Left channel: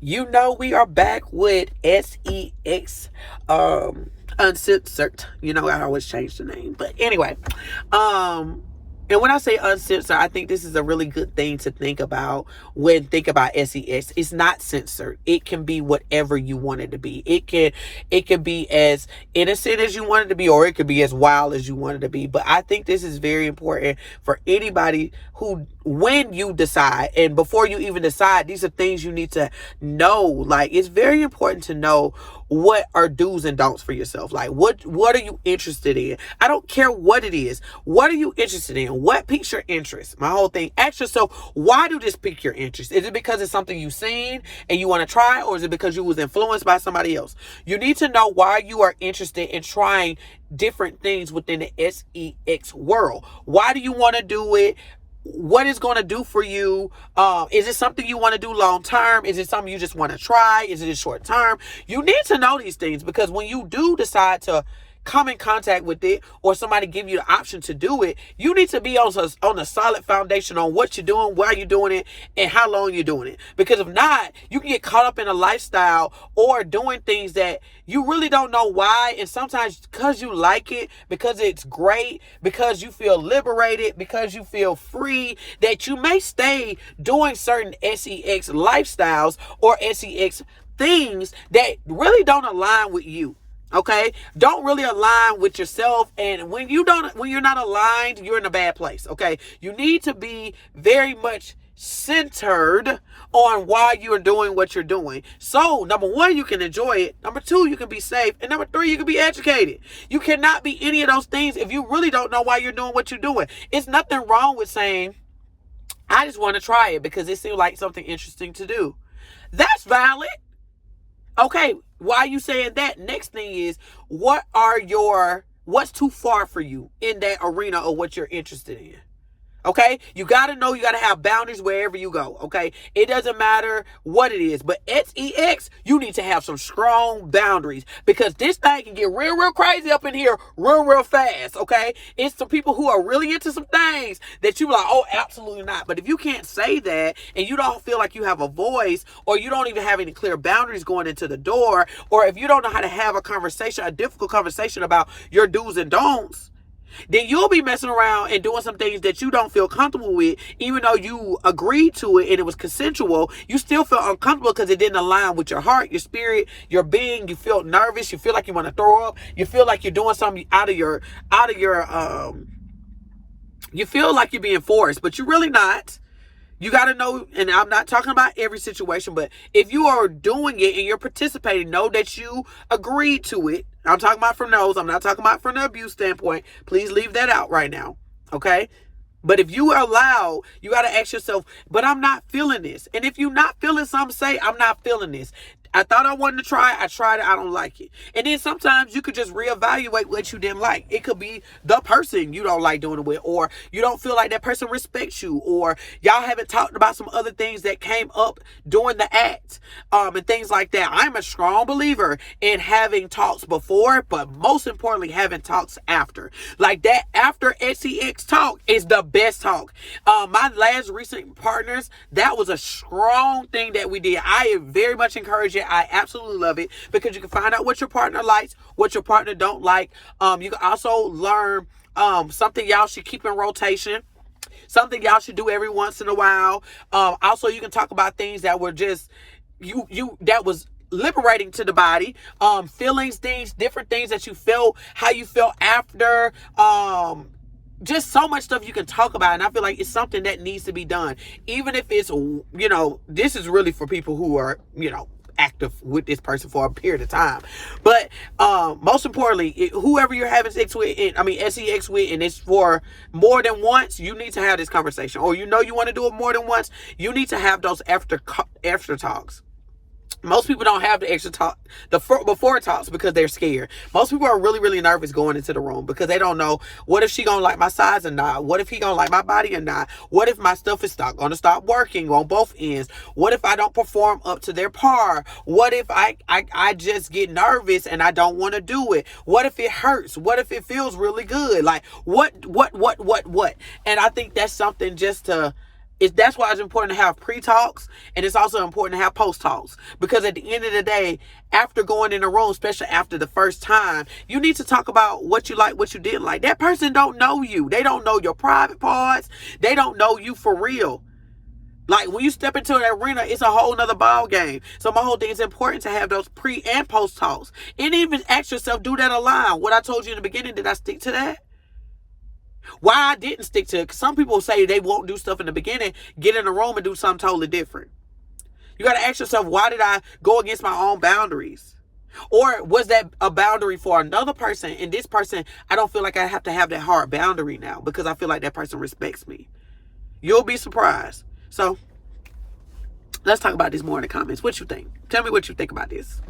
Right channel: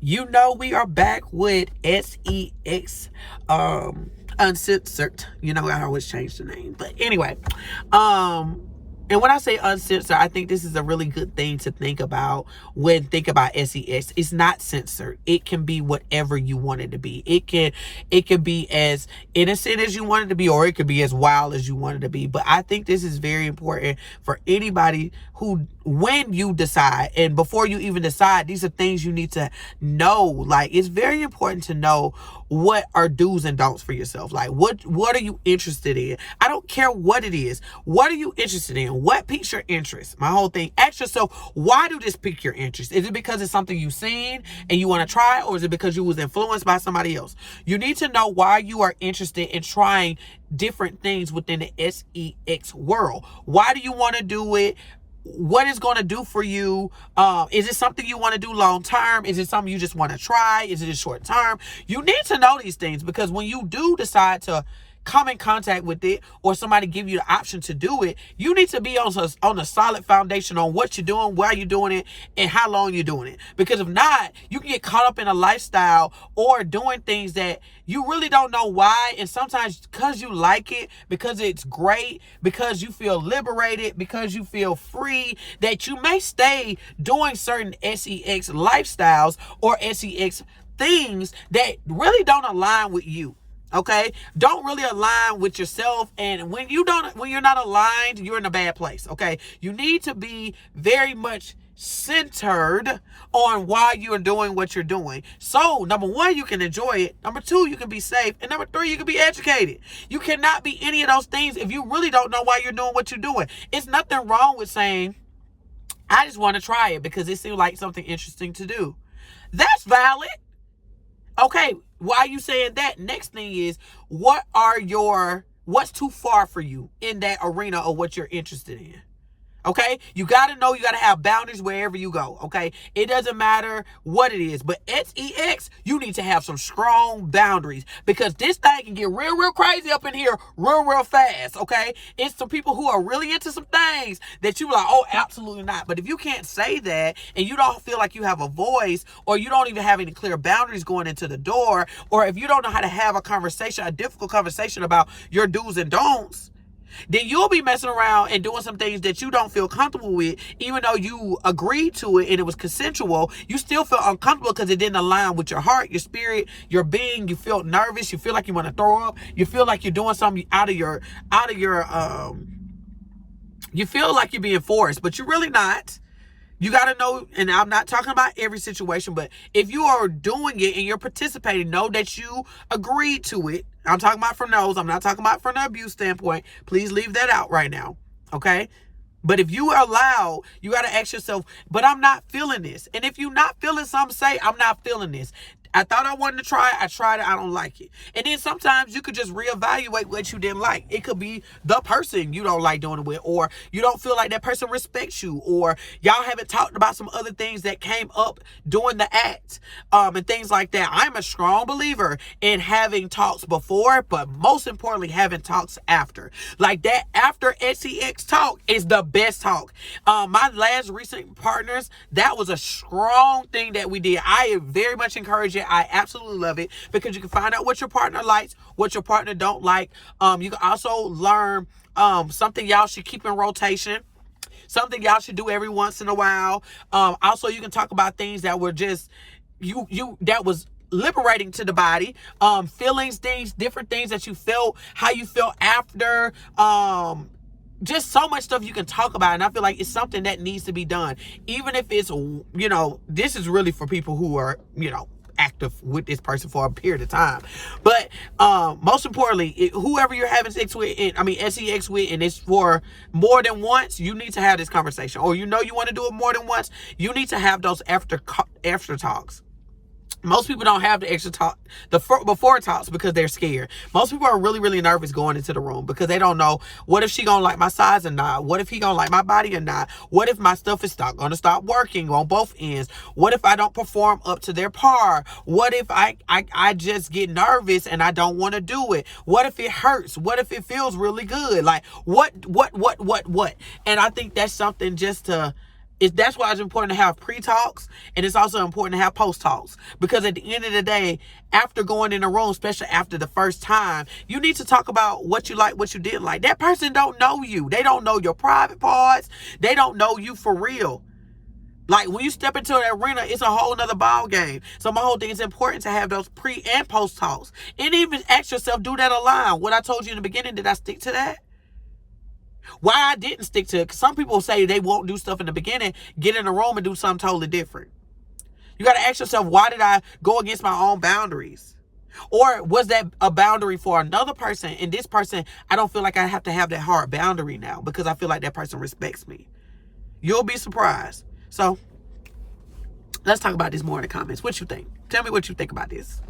You know, we are back with S.E.X Uncensored. You know, I always change the name. But anyway, and when I say uncensored, I think this is a really good thing to think about when think about S.E.X. It's not censored. It can be whatever you want it to be. It can be as innocent as you want it to be, or it could be as wild as you want it to be. But I think this is very important for anybody who, when you decide, and before you even decide, these are things you need to know. Like, it's very important to know what are do's and don'ts for yourself. Like, what are you interested in? I don't care what it is. What are you interested in? What piques your interest? My whole thing. Ask yourself, why do this pique your interest? Is it because it's something you've seen and you want to try, or is it because you was influenced by somebody else? You need to know why you are interested in trying different things within the S.E.X world. Why do you want to do it? What it's going to do for you? Is it something you want to do long term? Is it something you just want to try? Is it a short term? You need to know these things, because when you do decide to come in contact with it, or somebody give you the option to do it, you need to be on a solid foundation on what you're doing, why you're doing it, and how long you're doing it. Because if not, you can get caught up in a lifestyle or doing things that you really don't know why. And sometimes because you like it, because it's great, because you feel liberated, because you feel free, that you may stay doing certain S.E.X lifestyles or S.E.X things that really don't align with you. Okay, don't really align with yourself. And when you're not aligned, you're in a bad place. Okay, you need to be very much centered on why you're doing what you're doing. So number one, you can enjoy it. Number two, you can be safe. And number three, you can be educated. You cannot be any of those things if you really don't know why you're doing what you're doing. It's nothing wrong with saying, I just want to try it because it seems like something interesting to do. That's valid. Okay, why are you saying that? Next thing is, what's too far for you in that arena of what you're interested in? Okay, you got to know, you got to have boundaries wherever you go. Okay, it doesn't matter what it is, but S.E.X, you need to have some strong boundaries, because this thing can get real crazy up in here real fast. Okay, it's some people who are really into some things that you like, oh, absolutely not. But if you can't say that, and you don't feel like you have a voice, or you don't even have any clear boundaries going into the door, or if you don't know how to have a difficult conversation about your do's and don'ts, then you'll be messing around and doing some things that you don't feel comfortable with. Even though you agreed to it and it was consensual, you still feel uncomfortable because it didn't align with your heart, your spirit, your being. You feel nervous. You feel like you want to throw up. You feel like you're doing something out of your you feel like you're being forced, but you're really not. You got to know, and I'm not talking about every situation, but if you are doing it and you're participating, know that you agreed to it. I'm talking about from those. I'm not talking about from the abuse standpoint. Please leave that out right now. Okay? But if you are allowed, you got to ask yourself, but I'm not feeling this. And if you're not feeling something, say, I'm not feeling this. I thought I wanted to try it. I tried it. I don't like it. And then sometimes you could just reevaluate what you didn't like. It could be the person you don't like doing it with, or you don't feel like that person respects you, or y'all haven't talked about some other things that came up during the act, and things like that. I'm a strong believer in having talks before, but most importantly, having talks after. Like that after S.E.X talk is the best talk. My last recent partners, that was a strong thing that we did. I very much encourage it. I absolutely love it, because you can find out what your partner likes, what your partner don't like. You can also learn something y'all should keep in rotation, something y'all should do every once in a while. Also, you can talk about things that were just that was liberating to the body, feelings, things, different things that you felt, how you felt after, just so much stuff you can talk about. And I feel like it's something that needs to be done, even if it's, this is really for people who are, active with this person for a period of time. But most importantly, whoever you're having sex with, S.E.X with, and it's for more than once, you need to have this conversation. Or you want to do it more than once, you need to have those after talks. Most people don't have the extra talk, the before talks, because they're scared. Most people are really nervous going into the room because they don't know, what if she gonna like my size or not? What if he gonna like my body or not? What if my stuff is gonna stop working on both ends? What if I don't perform up to their par? What if I just get nervous and I don't want to do it? What if it hurts? What if it feels really good? Like what? And I think that's something just to That's why it's important to have pre-talks, and it's also important to have post-talks, because at the end of the day, after going in a room, especially after the first time, you need to talk about what you like, what you didn't like. That person don't know you. They don't know your private parts. They don't know you for real. Like, when you step into that arena, it's a whole nother ball game. So my whole thing is important to have those pre and post talks, and even ask yourself, do that align? What I told you in the beginning, did I stick to that? Why I didn't stick to it? Because some people say they won't do stuff in the beginning, get in the room and do something totally different. You got to ask yourself, why did I go against my own boundaries? Or was that a boundary for another person? And this person, I don't feel like I have to have that hard boundary now, because I feel like that person respects me. You'll be surprised. So let's talk about this more in the comments. What you think? Tell me what you think about this.